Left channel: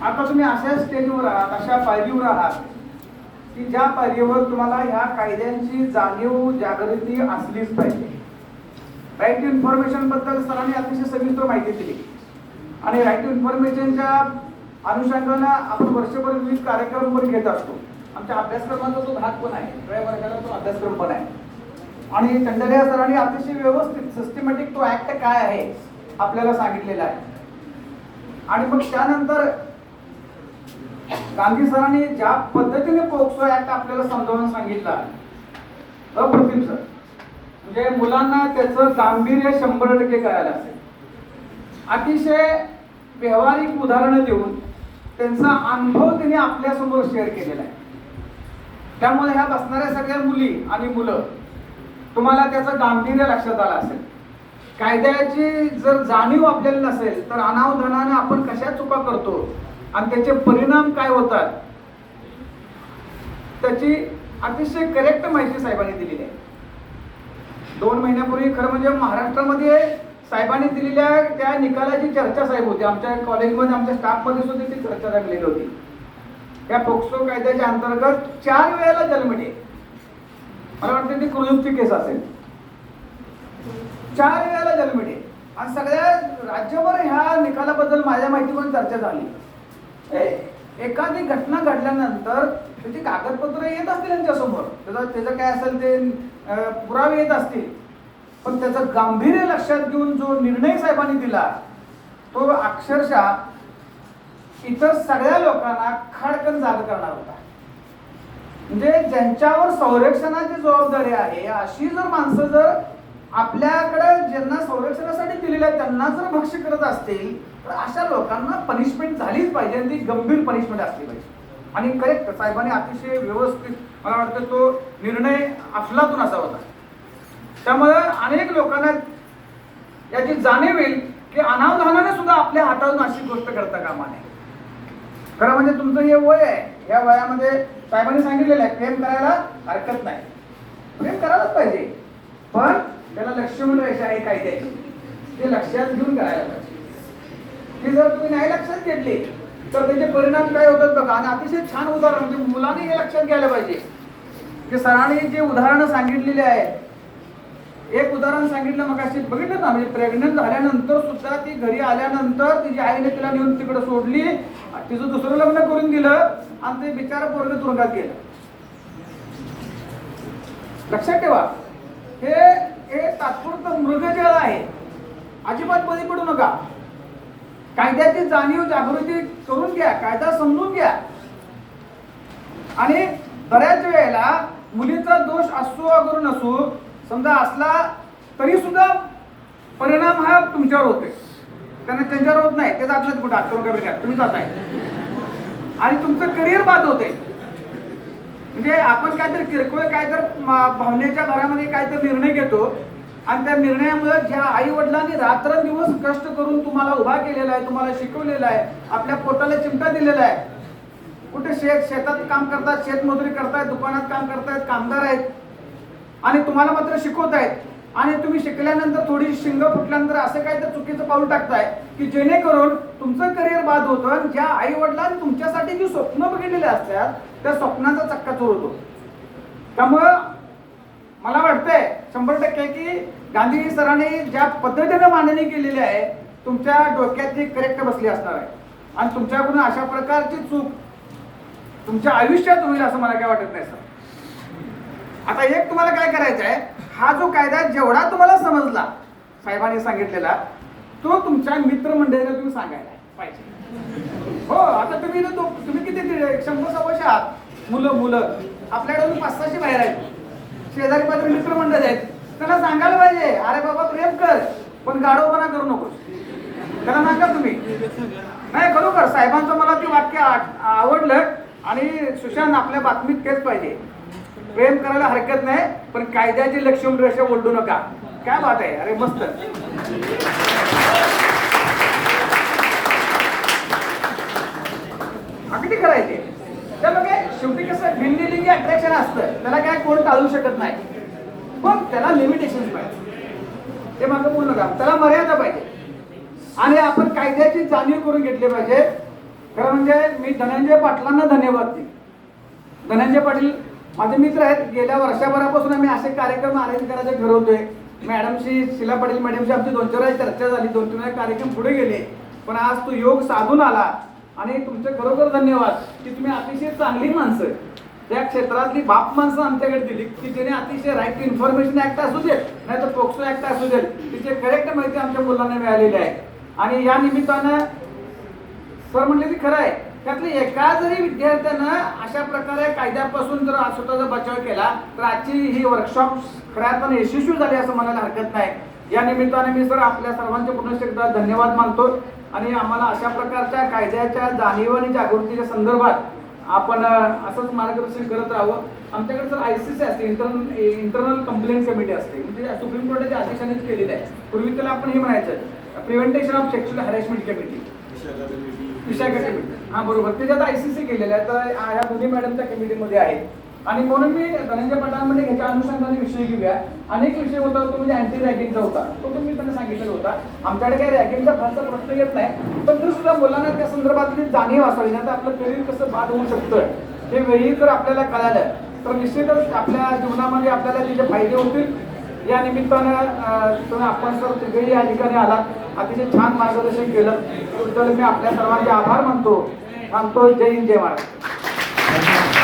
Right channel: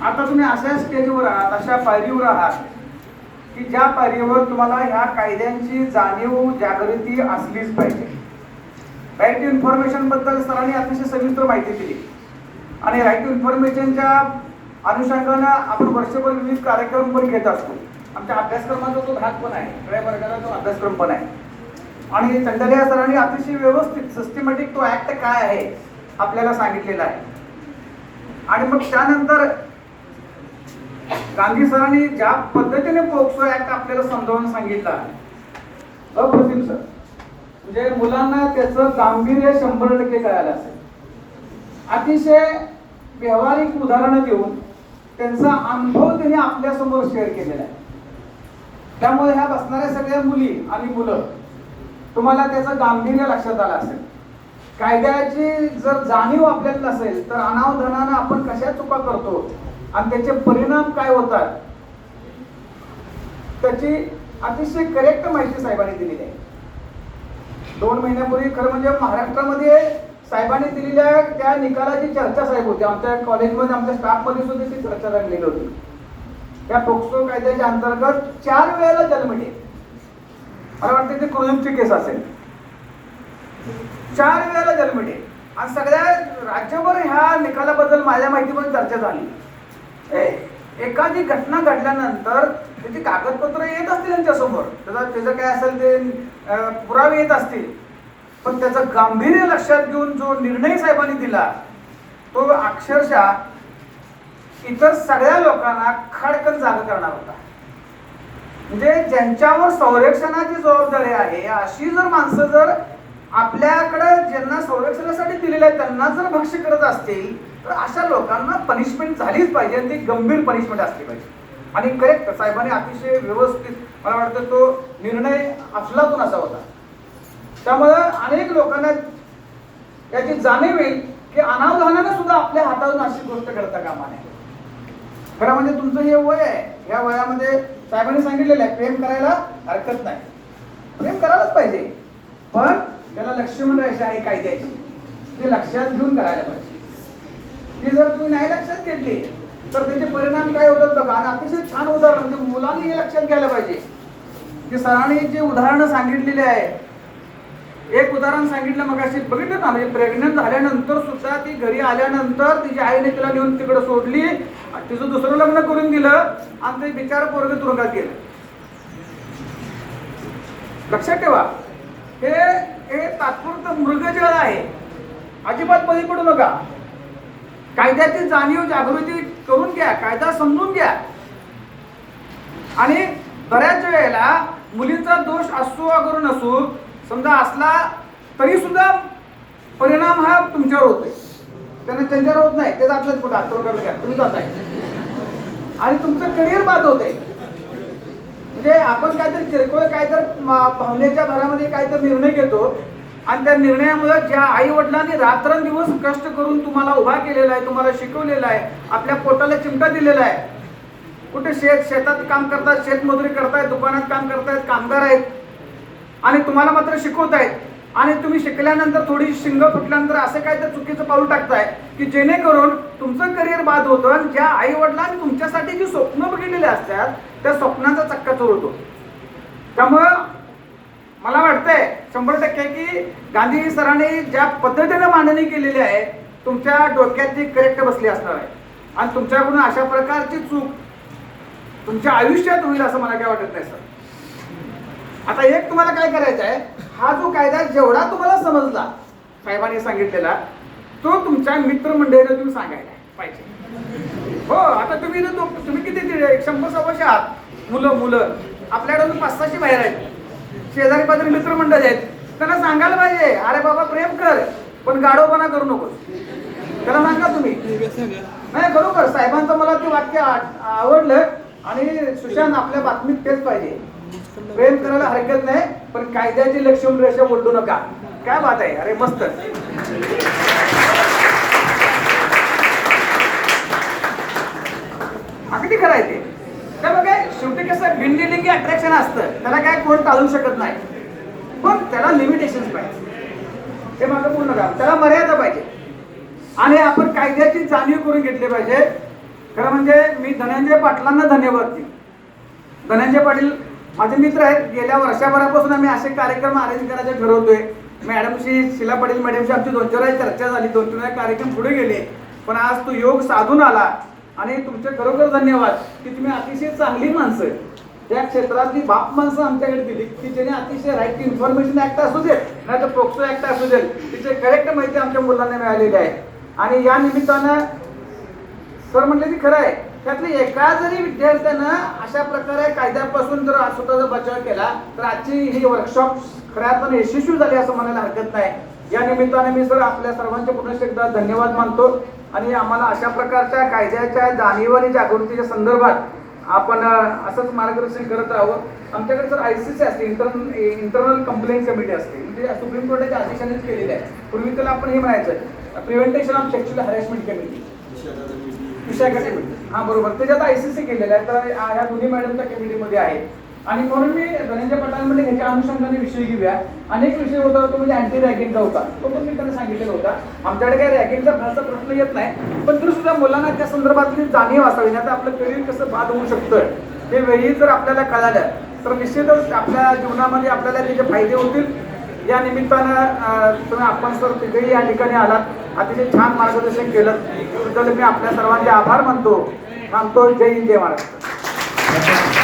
आता तुम्ही अशा स्टेजवर आहात, अशा पायरीवर आहात की ज्या पायरीवर तुम्हाला ह्या कायद्यांची जाणीव जागृती असलीच पाहिजे. राईट टू इन्फॉर्मेशन बद्दल सरांनी अतिशय सविस्तर माहिती दिली आणि राईट टू इन्फॉर्मेशनच्या अनुषंगानं आपण वर्षभर विविध कार्यक्रम पण घेत असतो. आमच्या अभ्यासक्रमाचा तो भाग पण आहे, सगळ्या वर्गाला तो अभ्यासक्रम पण आहे. आणि चंडलिया सरांनी अतिशय व्यवस्थित सिस्टमॅटिक तो ऍक्ट काय आहे आपल्याला सांगितलेला आहे. आणि मग त्यानंतर गांधी सरांनी ज्या पद्धतीने पोक्सो ऍक्ट आपल्याला समजावून सांगितला, अप्रतिम सर. म्हणजे मुलांना त्याचं गांभीर्य 100% कळालं असेल. अतिशय व्यावहारिक उदाहरणं देऊन त्यांचा अनुभव त्यांनी आपल्यासमोर शेअर केलेला आहे. त्यामुळे ह्या बसणाऱ्या सगळ्या मुली आणि मुलं तुम्हाला त्याचं गांभीर्य लक्षात आलं असेल. कायद्याची जर जाणीव आपल्याला नसेल तर अनावधानानं आपण कशा चुका करतो आणि त्याचे परिणाम काय होतात त्याची अतिशय करेक्ट माहिती साहेबांनी दिलेली आहे. 2 महिन्यापूर्वी खरं म्हणजे महाराष्ट्रामध्ये साहेबांनी दिलेल्या त्या निकालाची चर्चा साहेब होती. आमच्या कॉलेजमध्ये आमच्या स्टाफमध्ये सुद्धा ती चर्चा रंगलेली होती. त्या पोक्सो कायद्याच्या अंतर्गत 4 वेळेला जन्मठे, मला वाटतं ती क्रुझची केस असेल, 4 वेळेला जन्मठे. आणि सगळ्या राज्यभर ह्या निकालाबद्दल माझ्या माहितीमध्ये चर्चा झाली. एखादी घटना घडल्यानंतर त्याची कागदपत्र येत असतील त्यांच्यासमोर, त्याचं काय असेल ते पुरावे येत असतील, पण त्याचं गांभीर्य लक्षात घेऊन जो निर्णय साहेबांनी दिला तो अक्षरशः इतर सगळ्या लोकांना खडकन जाग करणार होता. म्हणजे ज्यांच्यावर संरक्षणाची जबाबदारी आहे अशी जर माणसं जर आपल्याकडे ज्यांना संरक्षणासाठी दिलेलं आहे त्यांना जर भक्ष्य करत असतील तर अशा लोकांना पनिशमेंट झालीच पाहिजे आणि ती गंभीर पनिशमेंट असली पाहिजे. आणि करेक्ट साहेबांनी अतिशय व्यवस्थित मला वाटतं तो निर्णय अफलातून असा होता. त्यामुळे अनेक लोकांना याची जाणीव येईल की अनावधानाने सुद्धा आपल्या हातातून अशी गोष्ट करता कामा नये. खरं म्हणजे तुमचं हे वय आहे, या वयामध्ये साहेबांनी सांगितलेलं आहे प्रेम करायला हरकत नाही, प्रेम करायलाच पाहिजे, पण त्याला लक्ष्मण रेषा आहे कायद्याची, ते लक्षात घेऊन करायला पाहिजे. की जर तुम्ही नाही लक्षात घेतली तर त्याचे परिणाम काय होतात बघा. आणि अतिशय छान उदाहरण म्हणजे मुलांनी हे लक्षात घ्यायला पाहिजे की सरांनी जे उदाहरणं सांगितलेले आहे. एक उदाहरण सांगितलं मग अशी बघितलं ना, म्हणजे प्रेग्नंट झाल्यानंतर सुद्धा ती घरी आल्यानंतर तिच्या आईने तिला नेऊन तिकडे सोडली, तिचं दुसरं लग्न करून दिलं आणि ते बिचारा पोरगं तुरुंगात गेलं. लक्षात ठेवा, हे तात्पुरतं मृगजळ आहे, अजिबात बळी पडू नका. कायद्याची जाणीव जागृती करून घ्या, कायदा समजून घ्या. आणि बऱ्याच वेळेला मुलीचा दोष असो अगर नसो, समजा असला तरी सुद्धा परिणाम हा तुमच्यावर होतोय, त्यांना त्यांच्यावर होत नाही. ते जातलं कुठं आत्मका तुम्ही जाताय आणि तुमचं करिअर बाद होतंय. म्हणजे आपण काहीतरी किरकोळ काहीतरी भावनेच्या भरामध्ये काहीतरी निर्णय घेतो आणि त्या निर्णयामुळे ज्या आई वडिलांनी रात्रंदिवस कष्ट करून तुम्हाला उभा केलेला आहे, तुम्हाला शिकवलेलं आहे, आपल्या पोटाला चिमटा दिलेला आहे, कुठे शेतात काम करतात, शेतमजुरी करतायत, दुकानात काम करतायत, कामगार आहेत आणि तुम्हाला मात्र शिकवत आहेत. आणि तुम्ही शिकल्यानंतर थोडी शिंग फुटल्यानंतर असं काय तर चुकीचं पाऊल टाकताय की जेणेकरून तुमचं करिअर बाद होतं आणि ज्या आई वडिलांनी तुमच्यासाठी जी स्वप्न बघितलेली असतात त्या स्वप्नाचा चक्काचूर होतो. त्यामुळं मला वाटतंय 100% की गांधी सरांनी ज्या पद्धतीने मांडणी केलेली आहे तुमच्या डोक्यात ती करेक्ट बसली असणार आहे आणि तुमच्याकडून अशा प्रकारची चूक तुमच्या आयुष्यात होईल असं मला काय वाटत नाही सर. आता एक तुम्हाला काय करायचं आहे, हा जो कायदा जेवढा तुम्हाला समजला साहेबांनी सांगितलेला तो तुमच्या मित्रमंडळीने तुम्ही सांगायला पाहिजे. हो, आता तुम्ही किती 100-150 आहात मुलं आपल्याकडून 500-600 बाहेर आहेत, शेजारी पाजारी मित्रमंडळ आहेत, त्यांना सांगायला पाहिजे अरे बाबा प्रेम कर पण गाढवपणा करू नको. त्याला सांगा तुम्ही. नाही खरोखर साहेबांचं मला ते वाक्य आवडलं आणि सुशांत आपल्या बातमीत तेच पाहिजे, प्रेम करायला हरकत नाही पण कायद्याची लक्ष्मण रेषा ओढू नका. काय बात आहे, अरे मस्त. अगदी करायचे त्यामुळे काय शेवटी कसं भिंडीलिंगी अट्रॅक्शन असतं, त्याला काय कोण टाळू शकत नाही, पण त्याला लिमिटेशन्स पाहिजे. ते मागं बोलू नका, त्याला मर्यादा पाहिजे आणि आपण कायद्याची जाणीव करून घेतली पाहिजे. खरं म्हणजे मी धनंजय पाटलांना धन्यवाद देईन. धनंजय पाटील माझे मित्र आहेत. गेल्या वर्षभरापासून आम्ही असे कार्यक्रम अरेंज करायचे ठरवतोय. मॅडमशी, शिला पाटील मॅडमशी आमची 2-4 वेळा चर्चा झाली, 2-3 वेळा कार्यक्रम पुढे गेले, पण आज तो योग साधून आला. आणि तुमचे खरोखर धन्यवाद की तुम्ही अतिशय चांगली माणसं या क्षेत्रातली बाप माणसं आमच्याकडे दिली की ज्याने अतिशय राईट टू इन्फॉर्मेशन ऍक्ट असू दे, नाही तर पोक्सो ऍक्ट असू दे, तिचे करेक्ट माहिती आमच्या मुलांना मिळालेली आहे. आणि या निमित्तानं सर म्हणले की खरं आहे, त्यातले एका जरी विद्यार्थ्यानं अशा प्रकारे कायद्यापासून जर स्वतःचा बचाव केला तर आजची ही वर्कशॉप खऱ्या अर्थाने यशस्वी झाली असं म्हणायला हरकत नाही. या निमित्ताने मी सर आपल्या सर्वांचे पुन्हा एकदा धन्यवाद मानतो. आणि आम्हाला अशा प्रकारच्या कायद्याच्या जाणीव आणि जागृतीच्या संदर्भात आपण असंच मार्गदर्शन करत राहावं. आमच्याकडे सर ICC असते, इंटरनल कंप्लेंट कमिटी असते, म्हणजे सुप्रीम कोर्टाच्या आदेशानेच केलेलं आहे. पूर्वी त्याला आपण हे म्हणायचं prevention of sexual harassment committee, Vishakha committee. हा बरोबर, त्याच्यात ICC केलेलं आहे. तर ह्या दोन्ही मॅडमच्या कमिटीमध्ये आहे. आणि म्हणून मी धनंजय पाटलांमध्ये ह्याच्या अनुषंगाने विषय घेऊया. अनेक विषय होता, तो म्हणजे अँटी रॅगिंगचा होता, तो पण मी त्यांना सांगितलेला होता. आमच्याकडे काही रॅगिंगचा फारसा प्रश्न येत नाही, पण तरी सुद्धा मुलांना त्या संदर्भातली जाणीव असावी. आता आपलं करिअर कसं बाद होऊ शकतं हे वेळी जर आपल्याला कळालं तर निश्चितच आपल्या जीवनामध्ये आपल्याला त्याचे फायदे होतील. या निमित्तानं तुम्ही आपण सर तिघेही या ठिकाणी आलात, अतिशय छान मार्गदर्शन केलं, त्याबद्दल मी आपल्या सर्वांचे आभार मानतो. थांबतो. जय हिंद, जय महाराष्ट्र.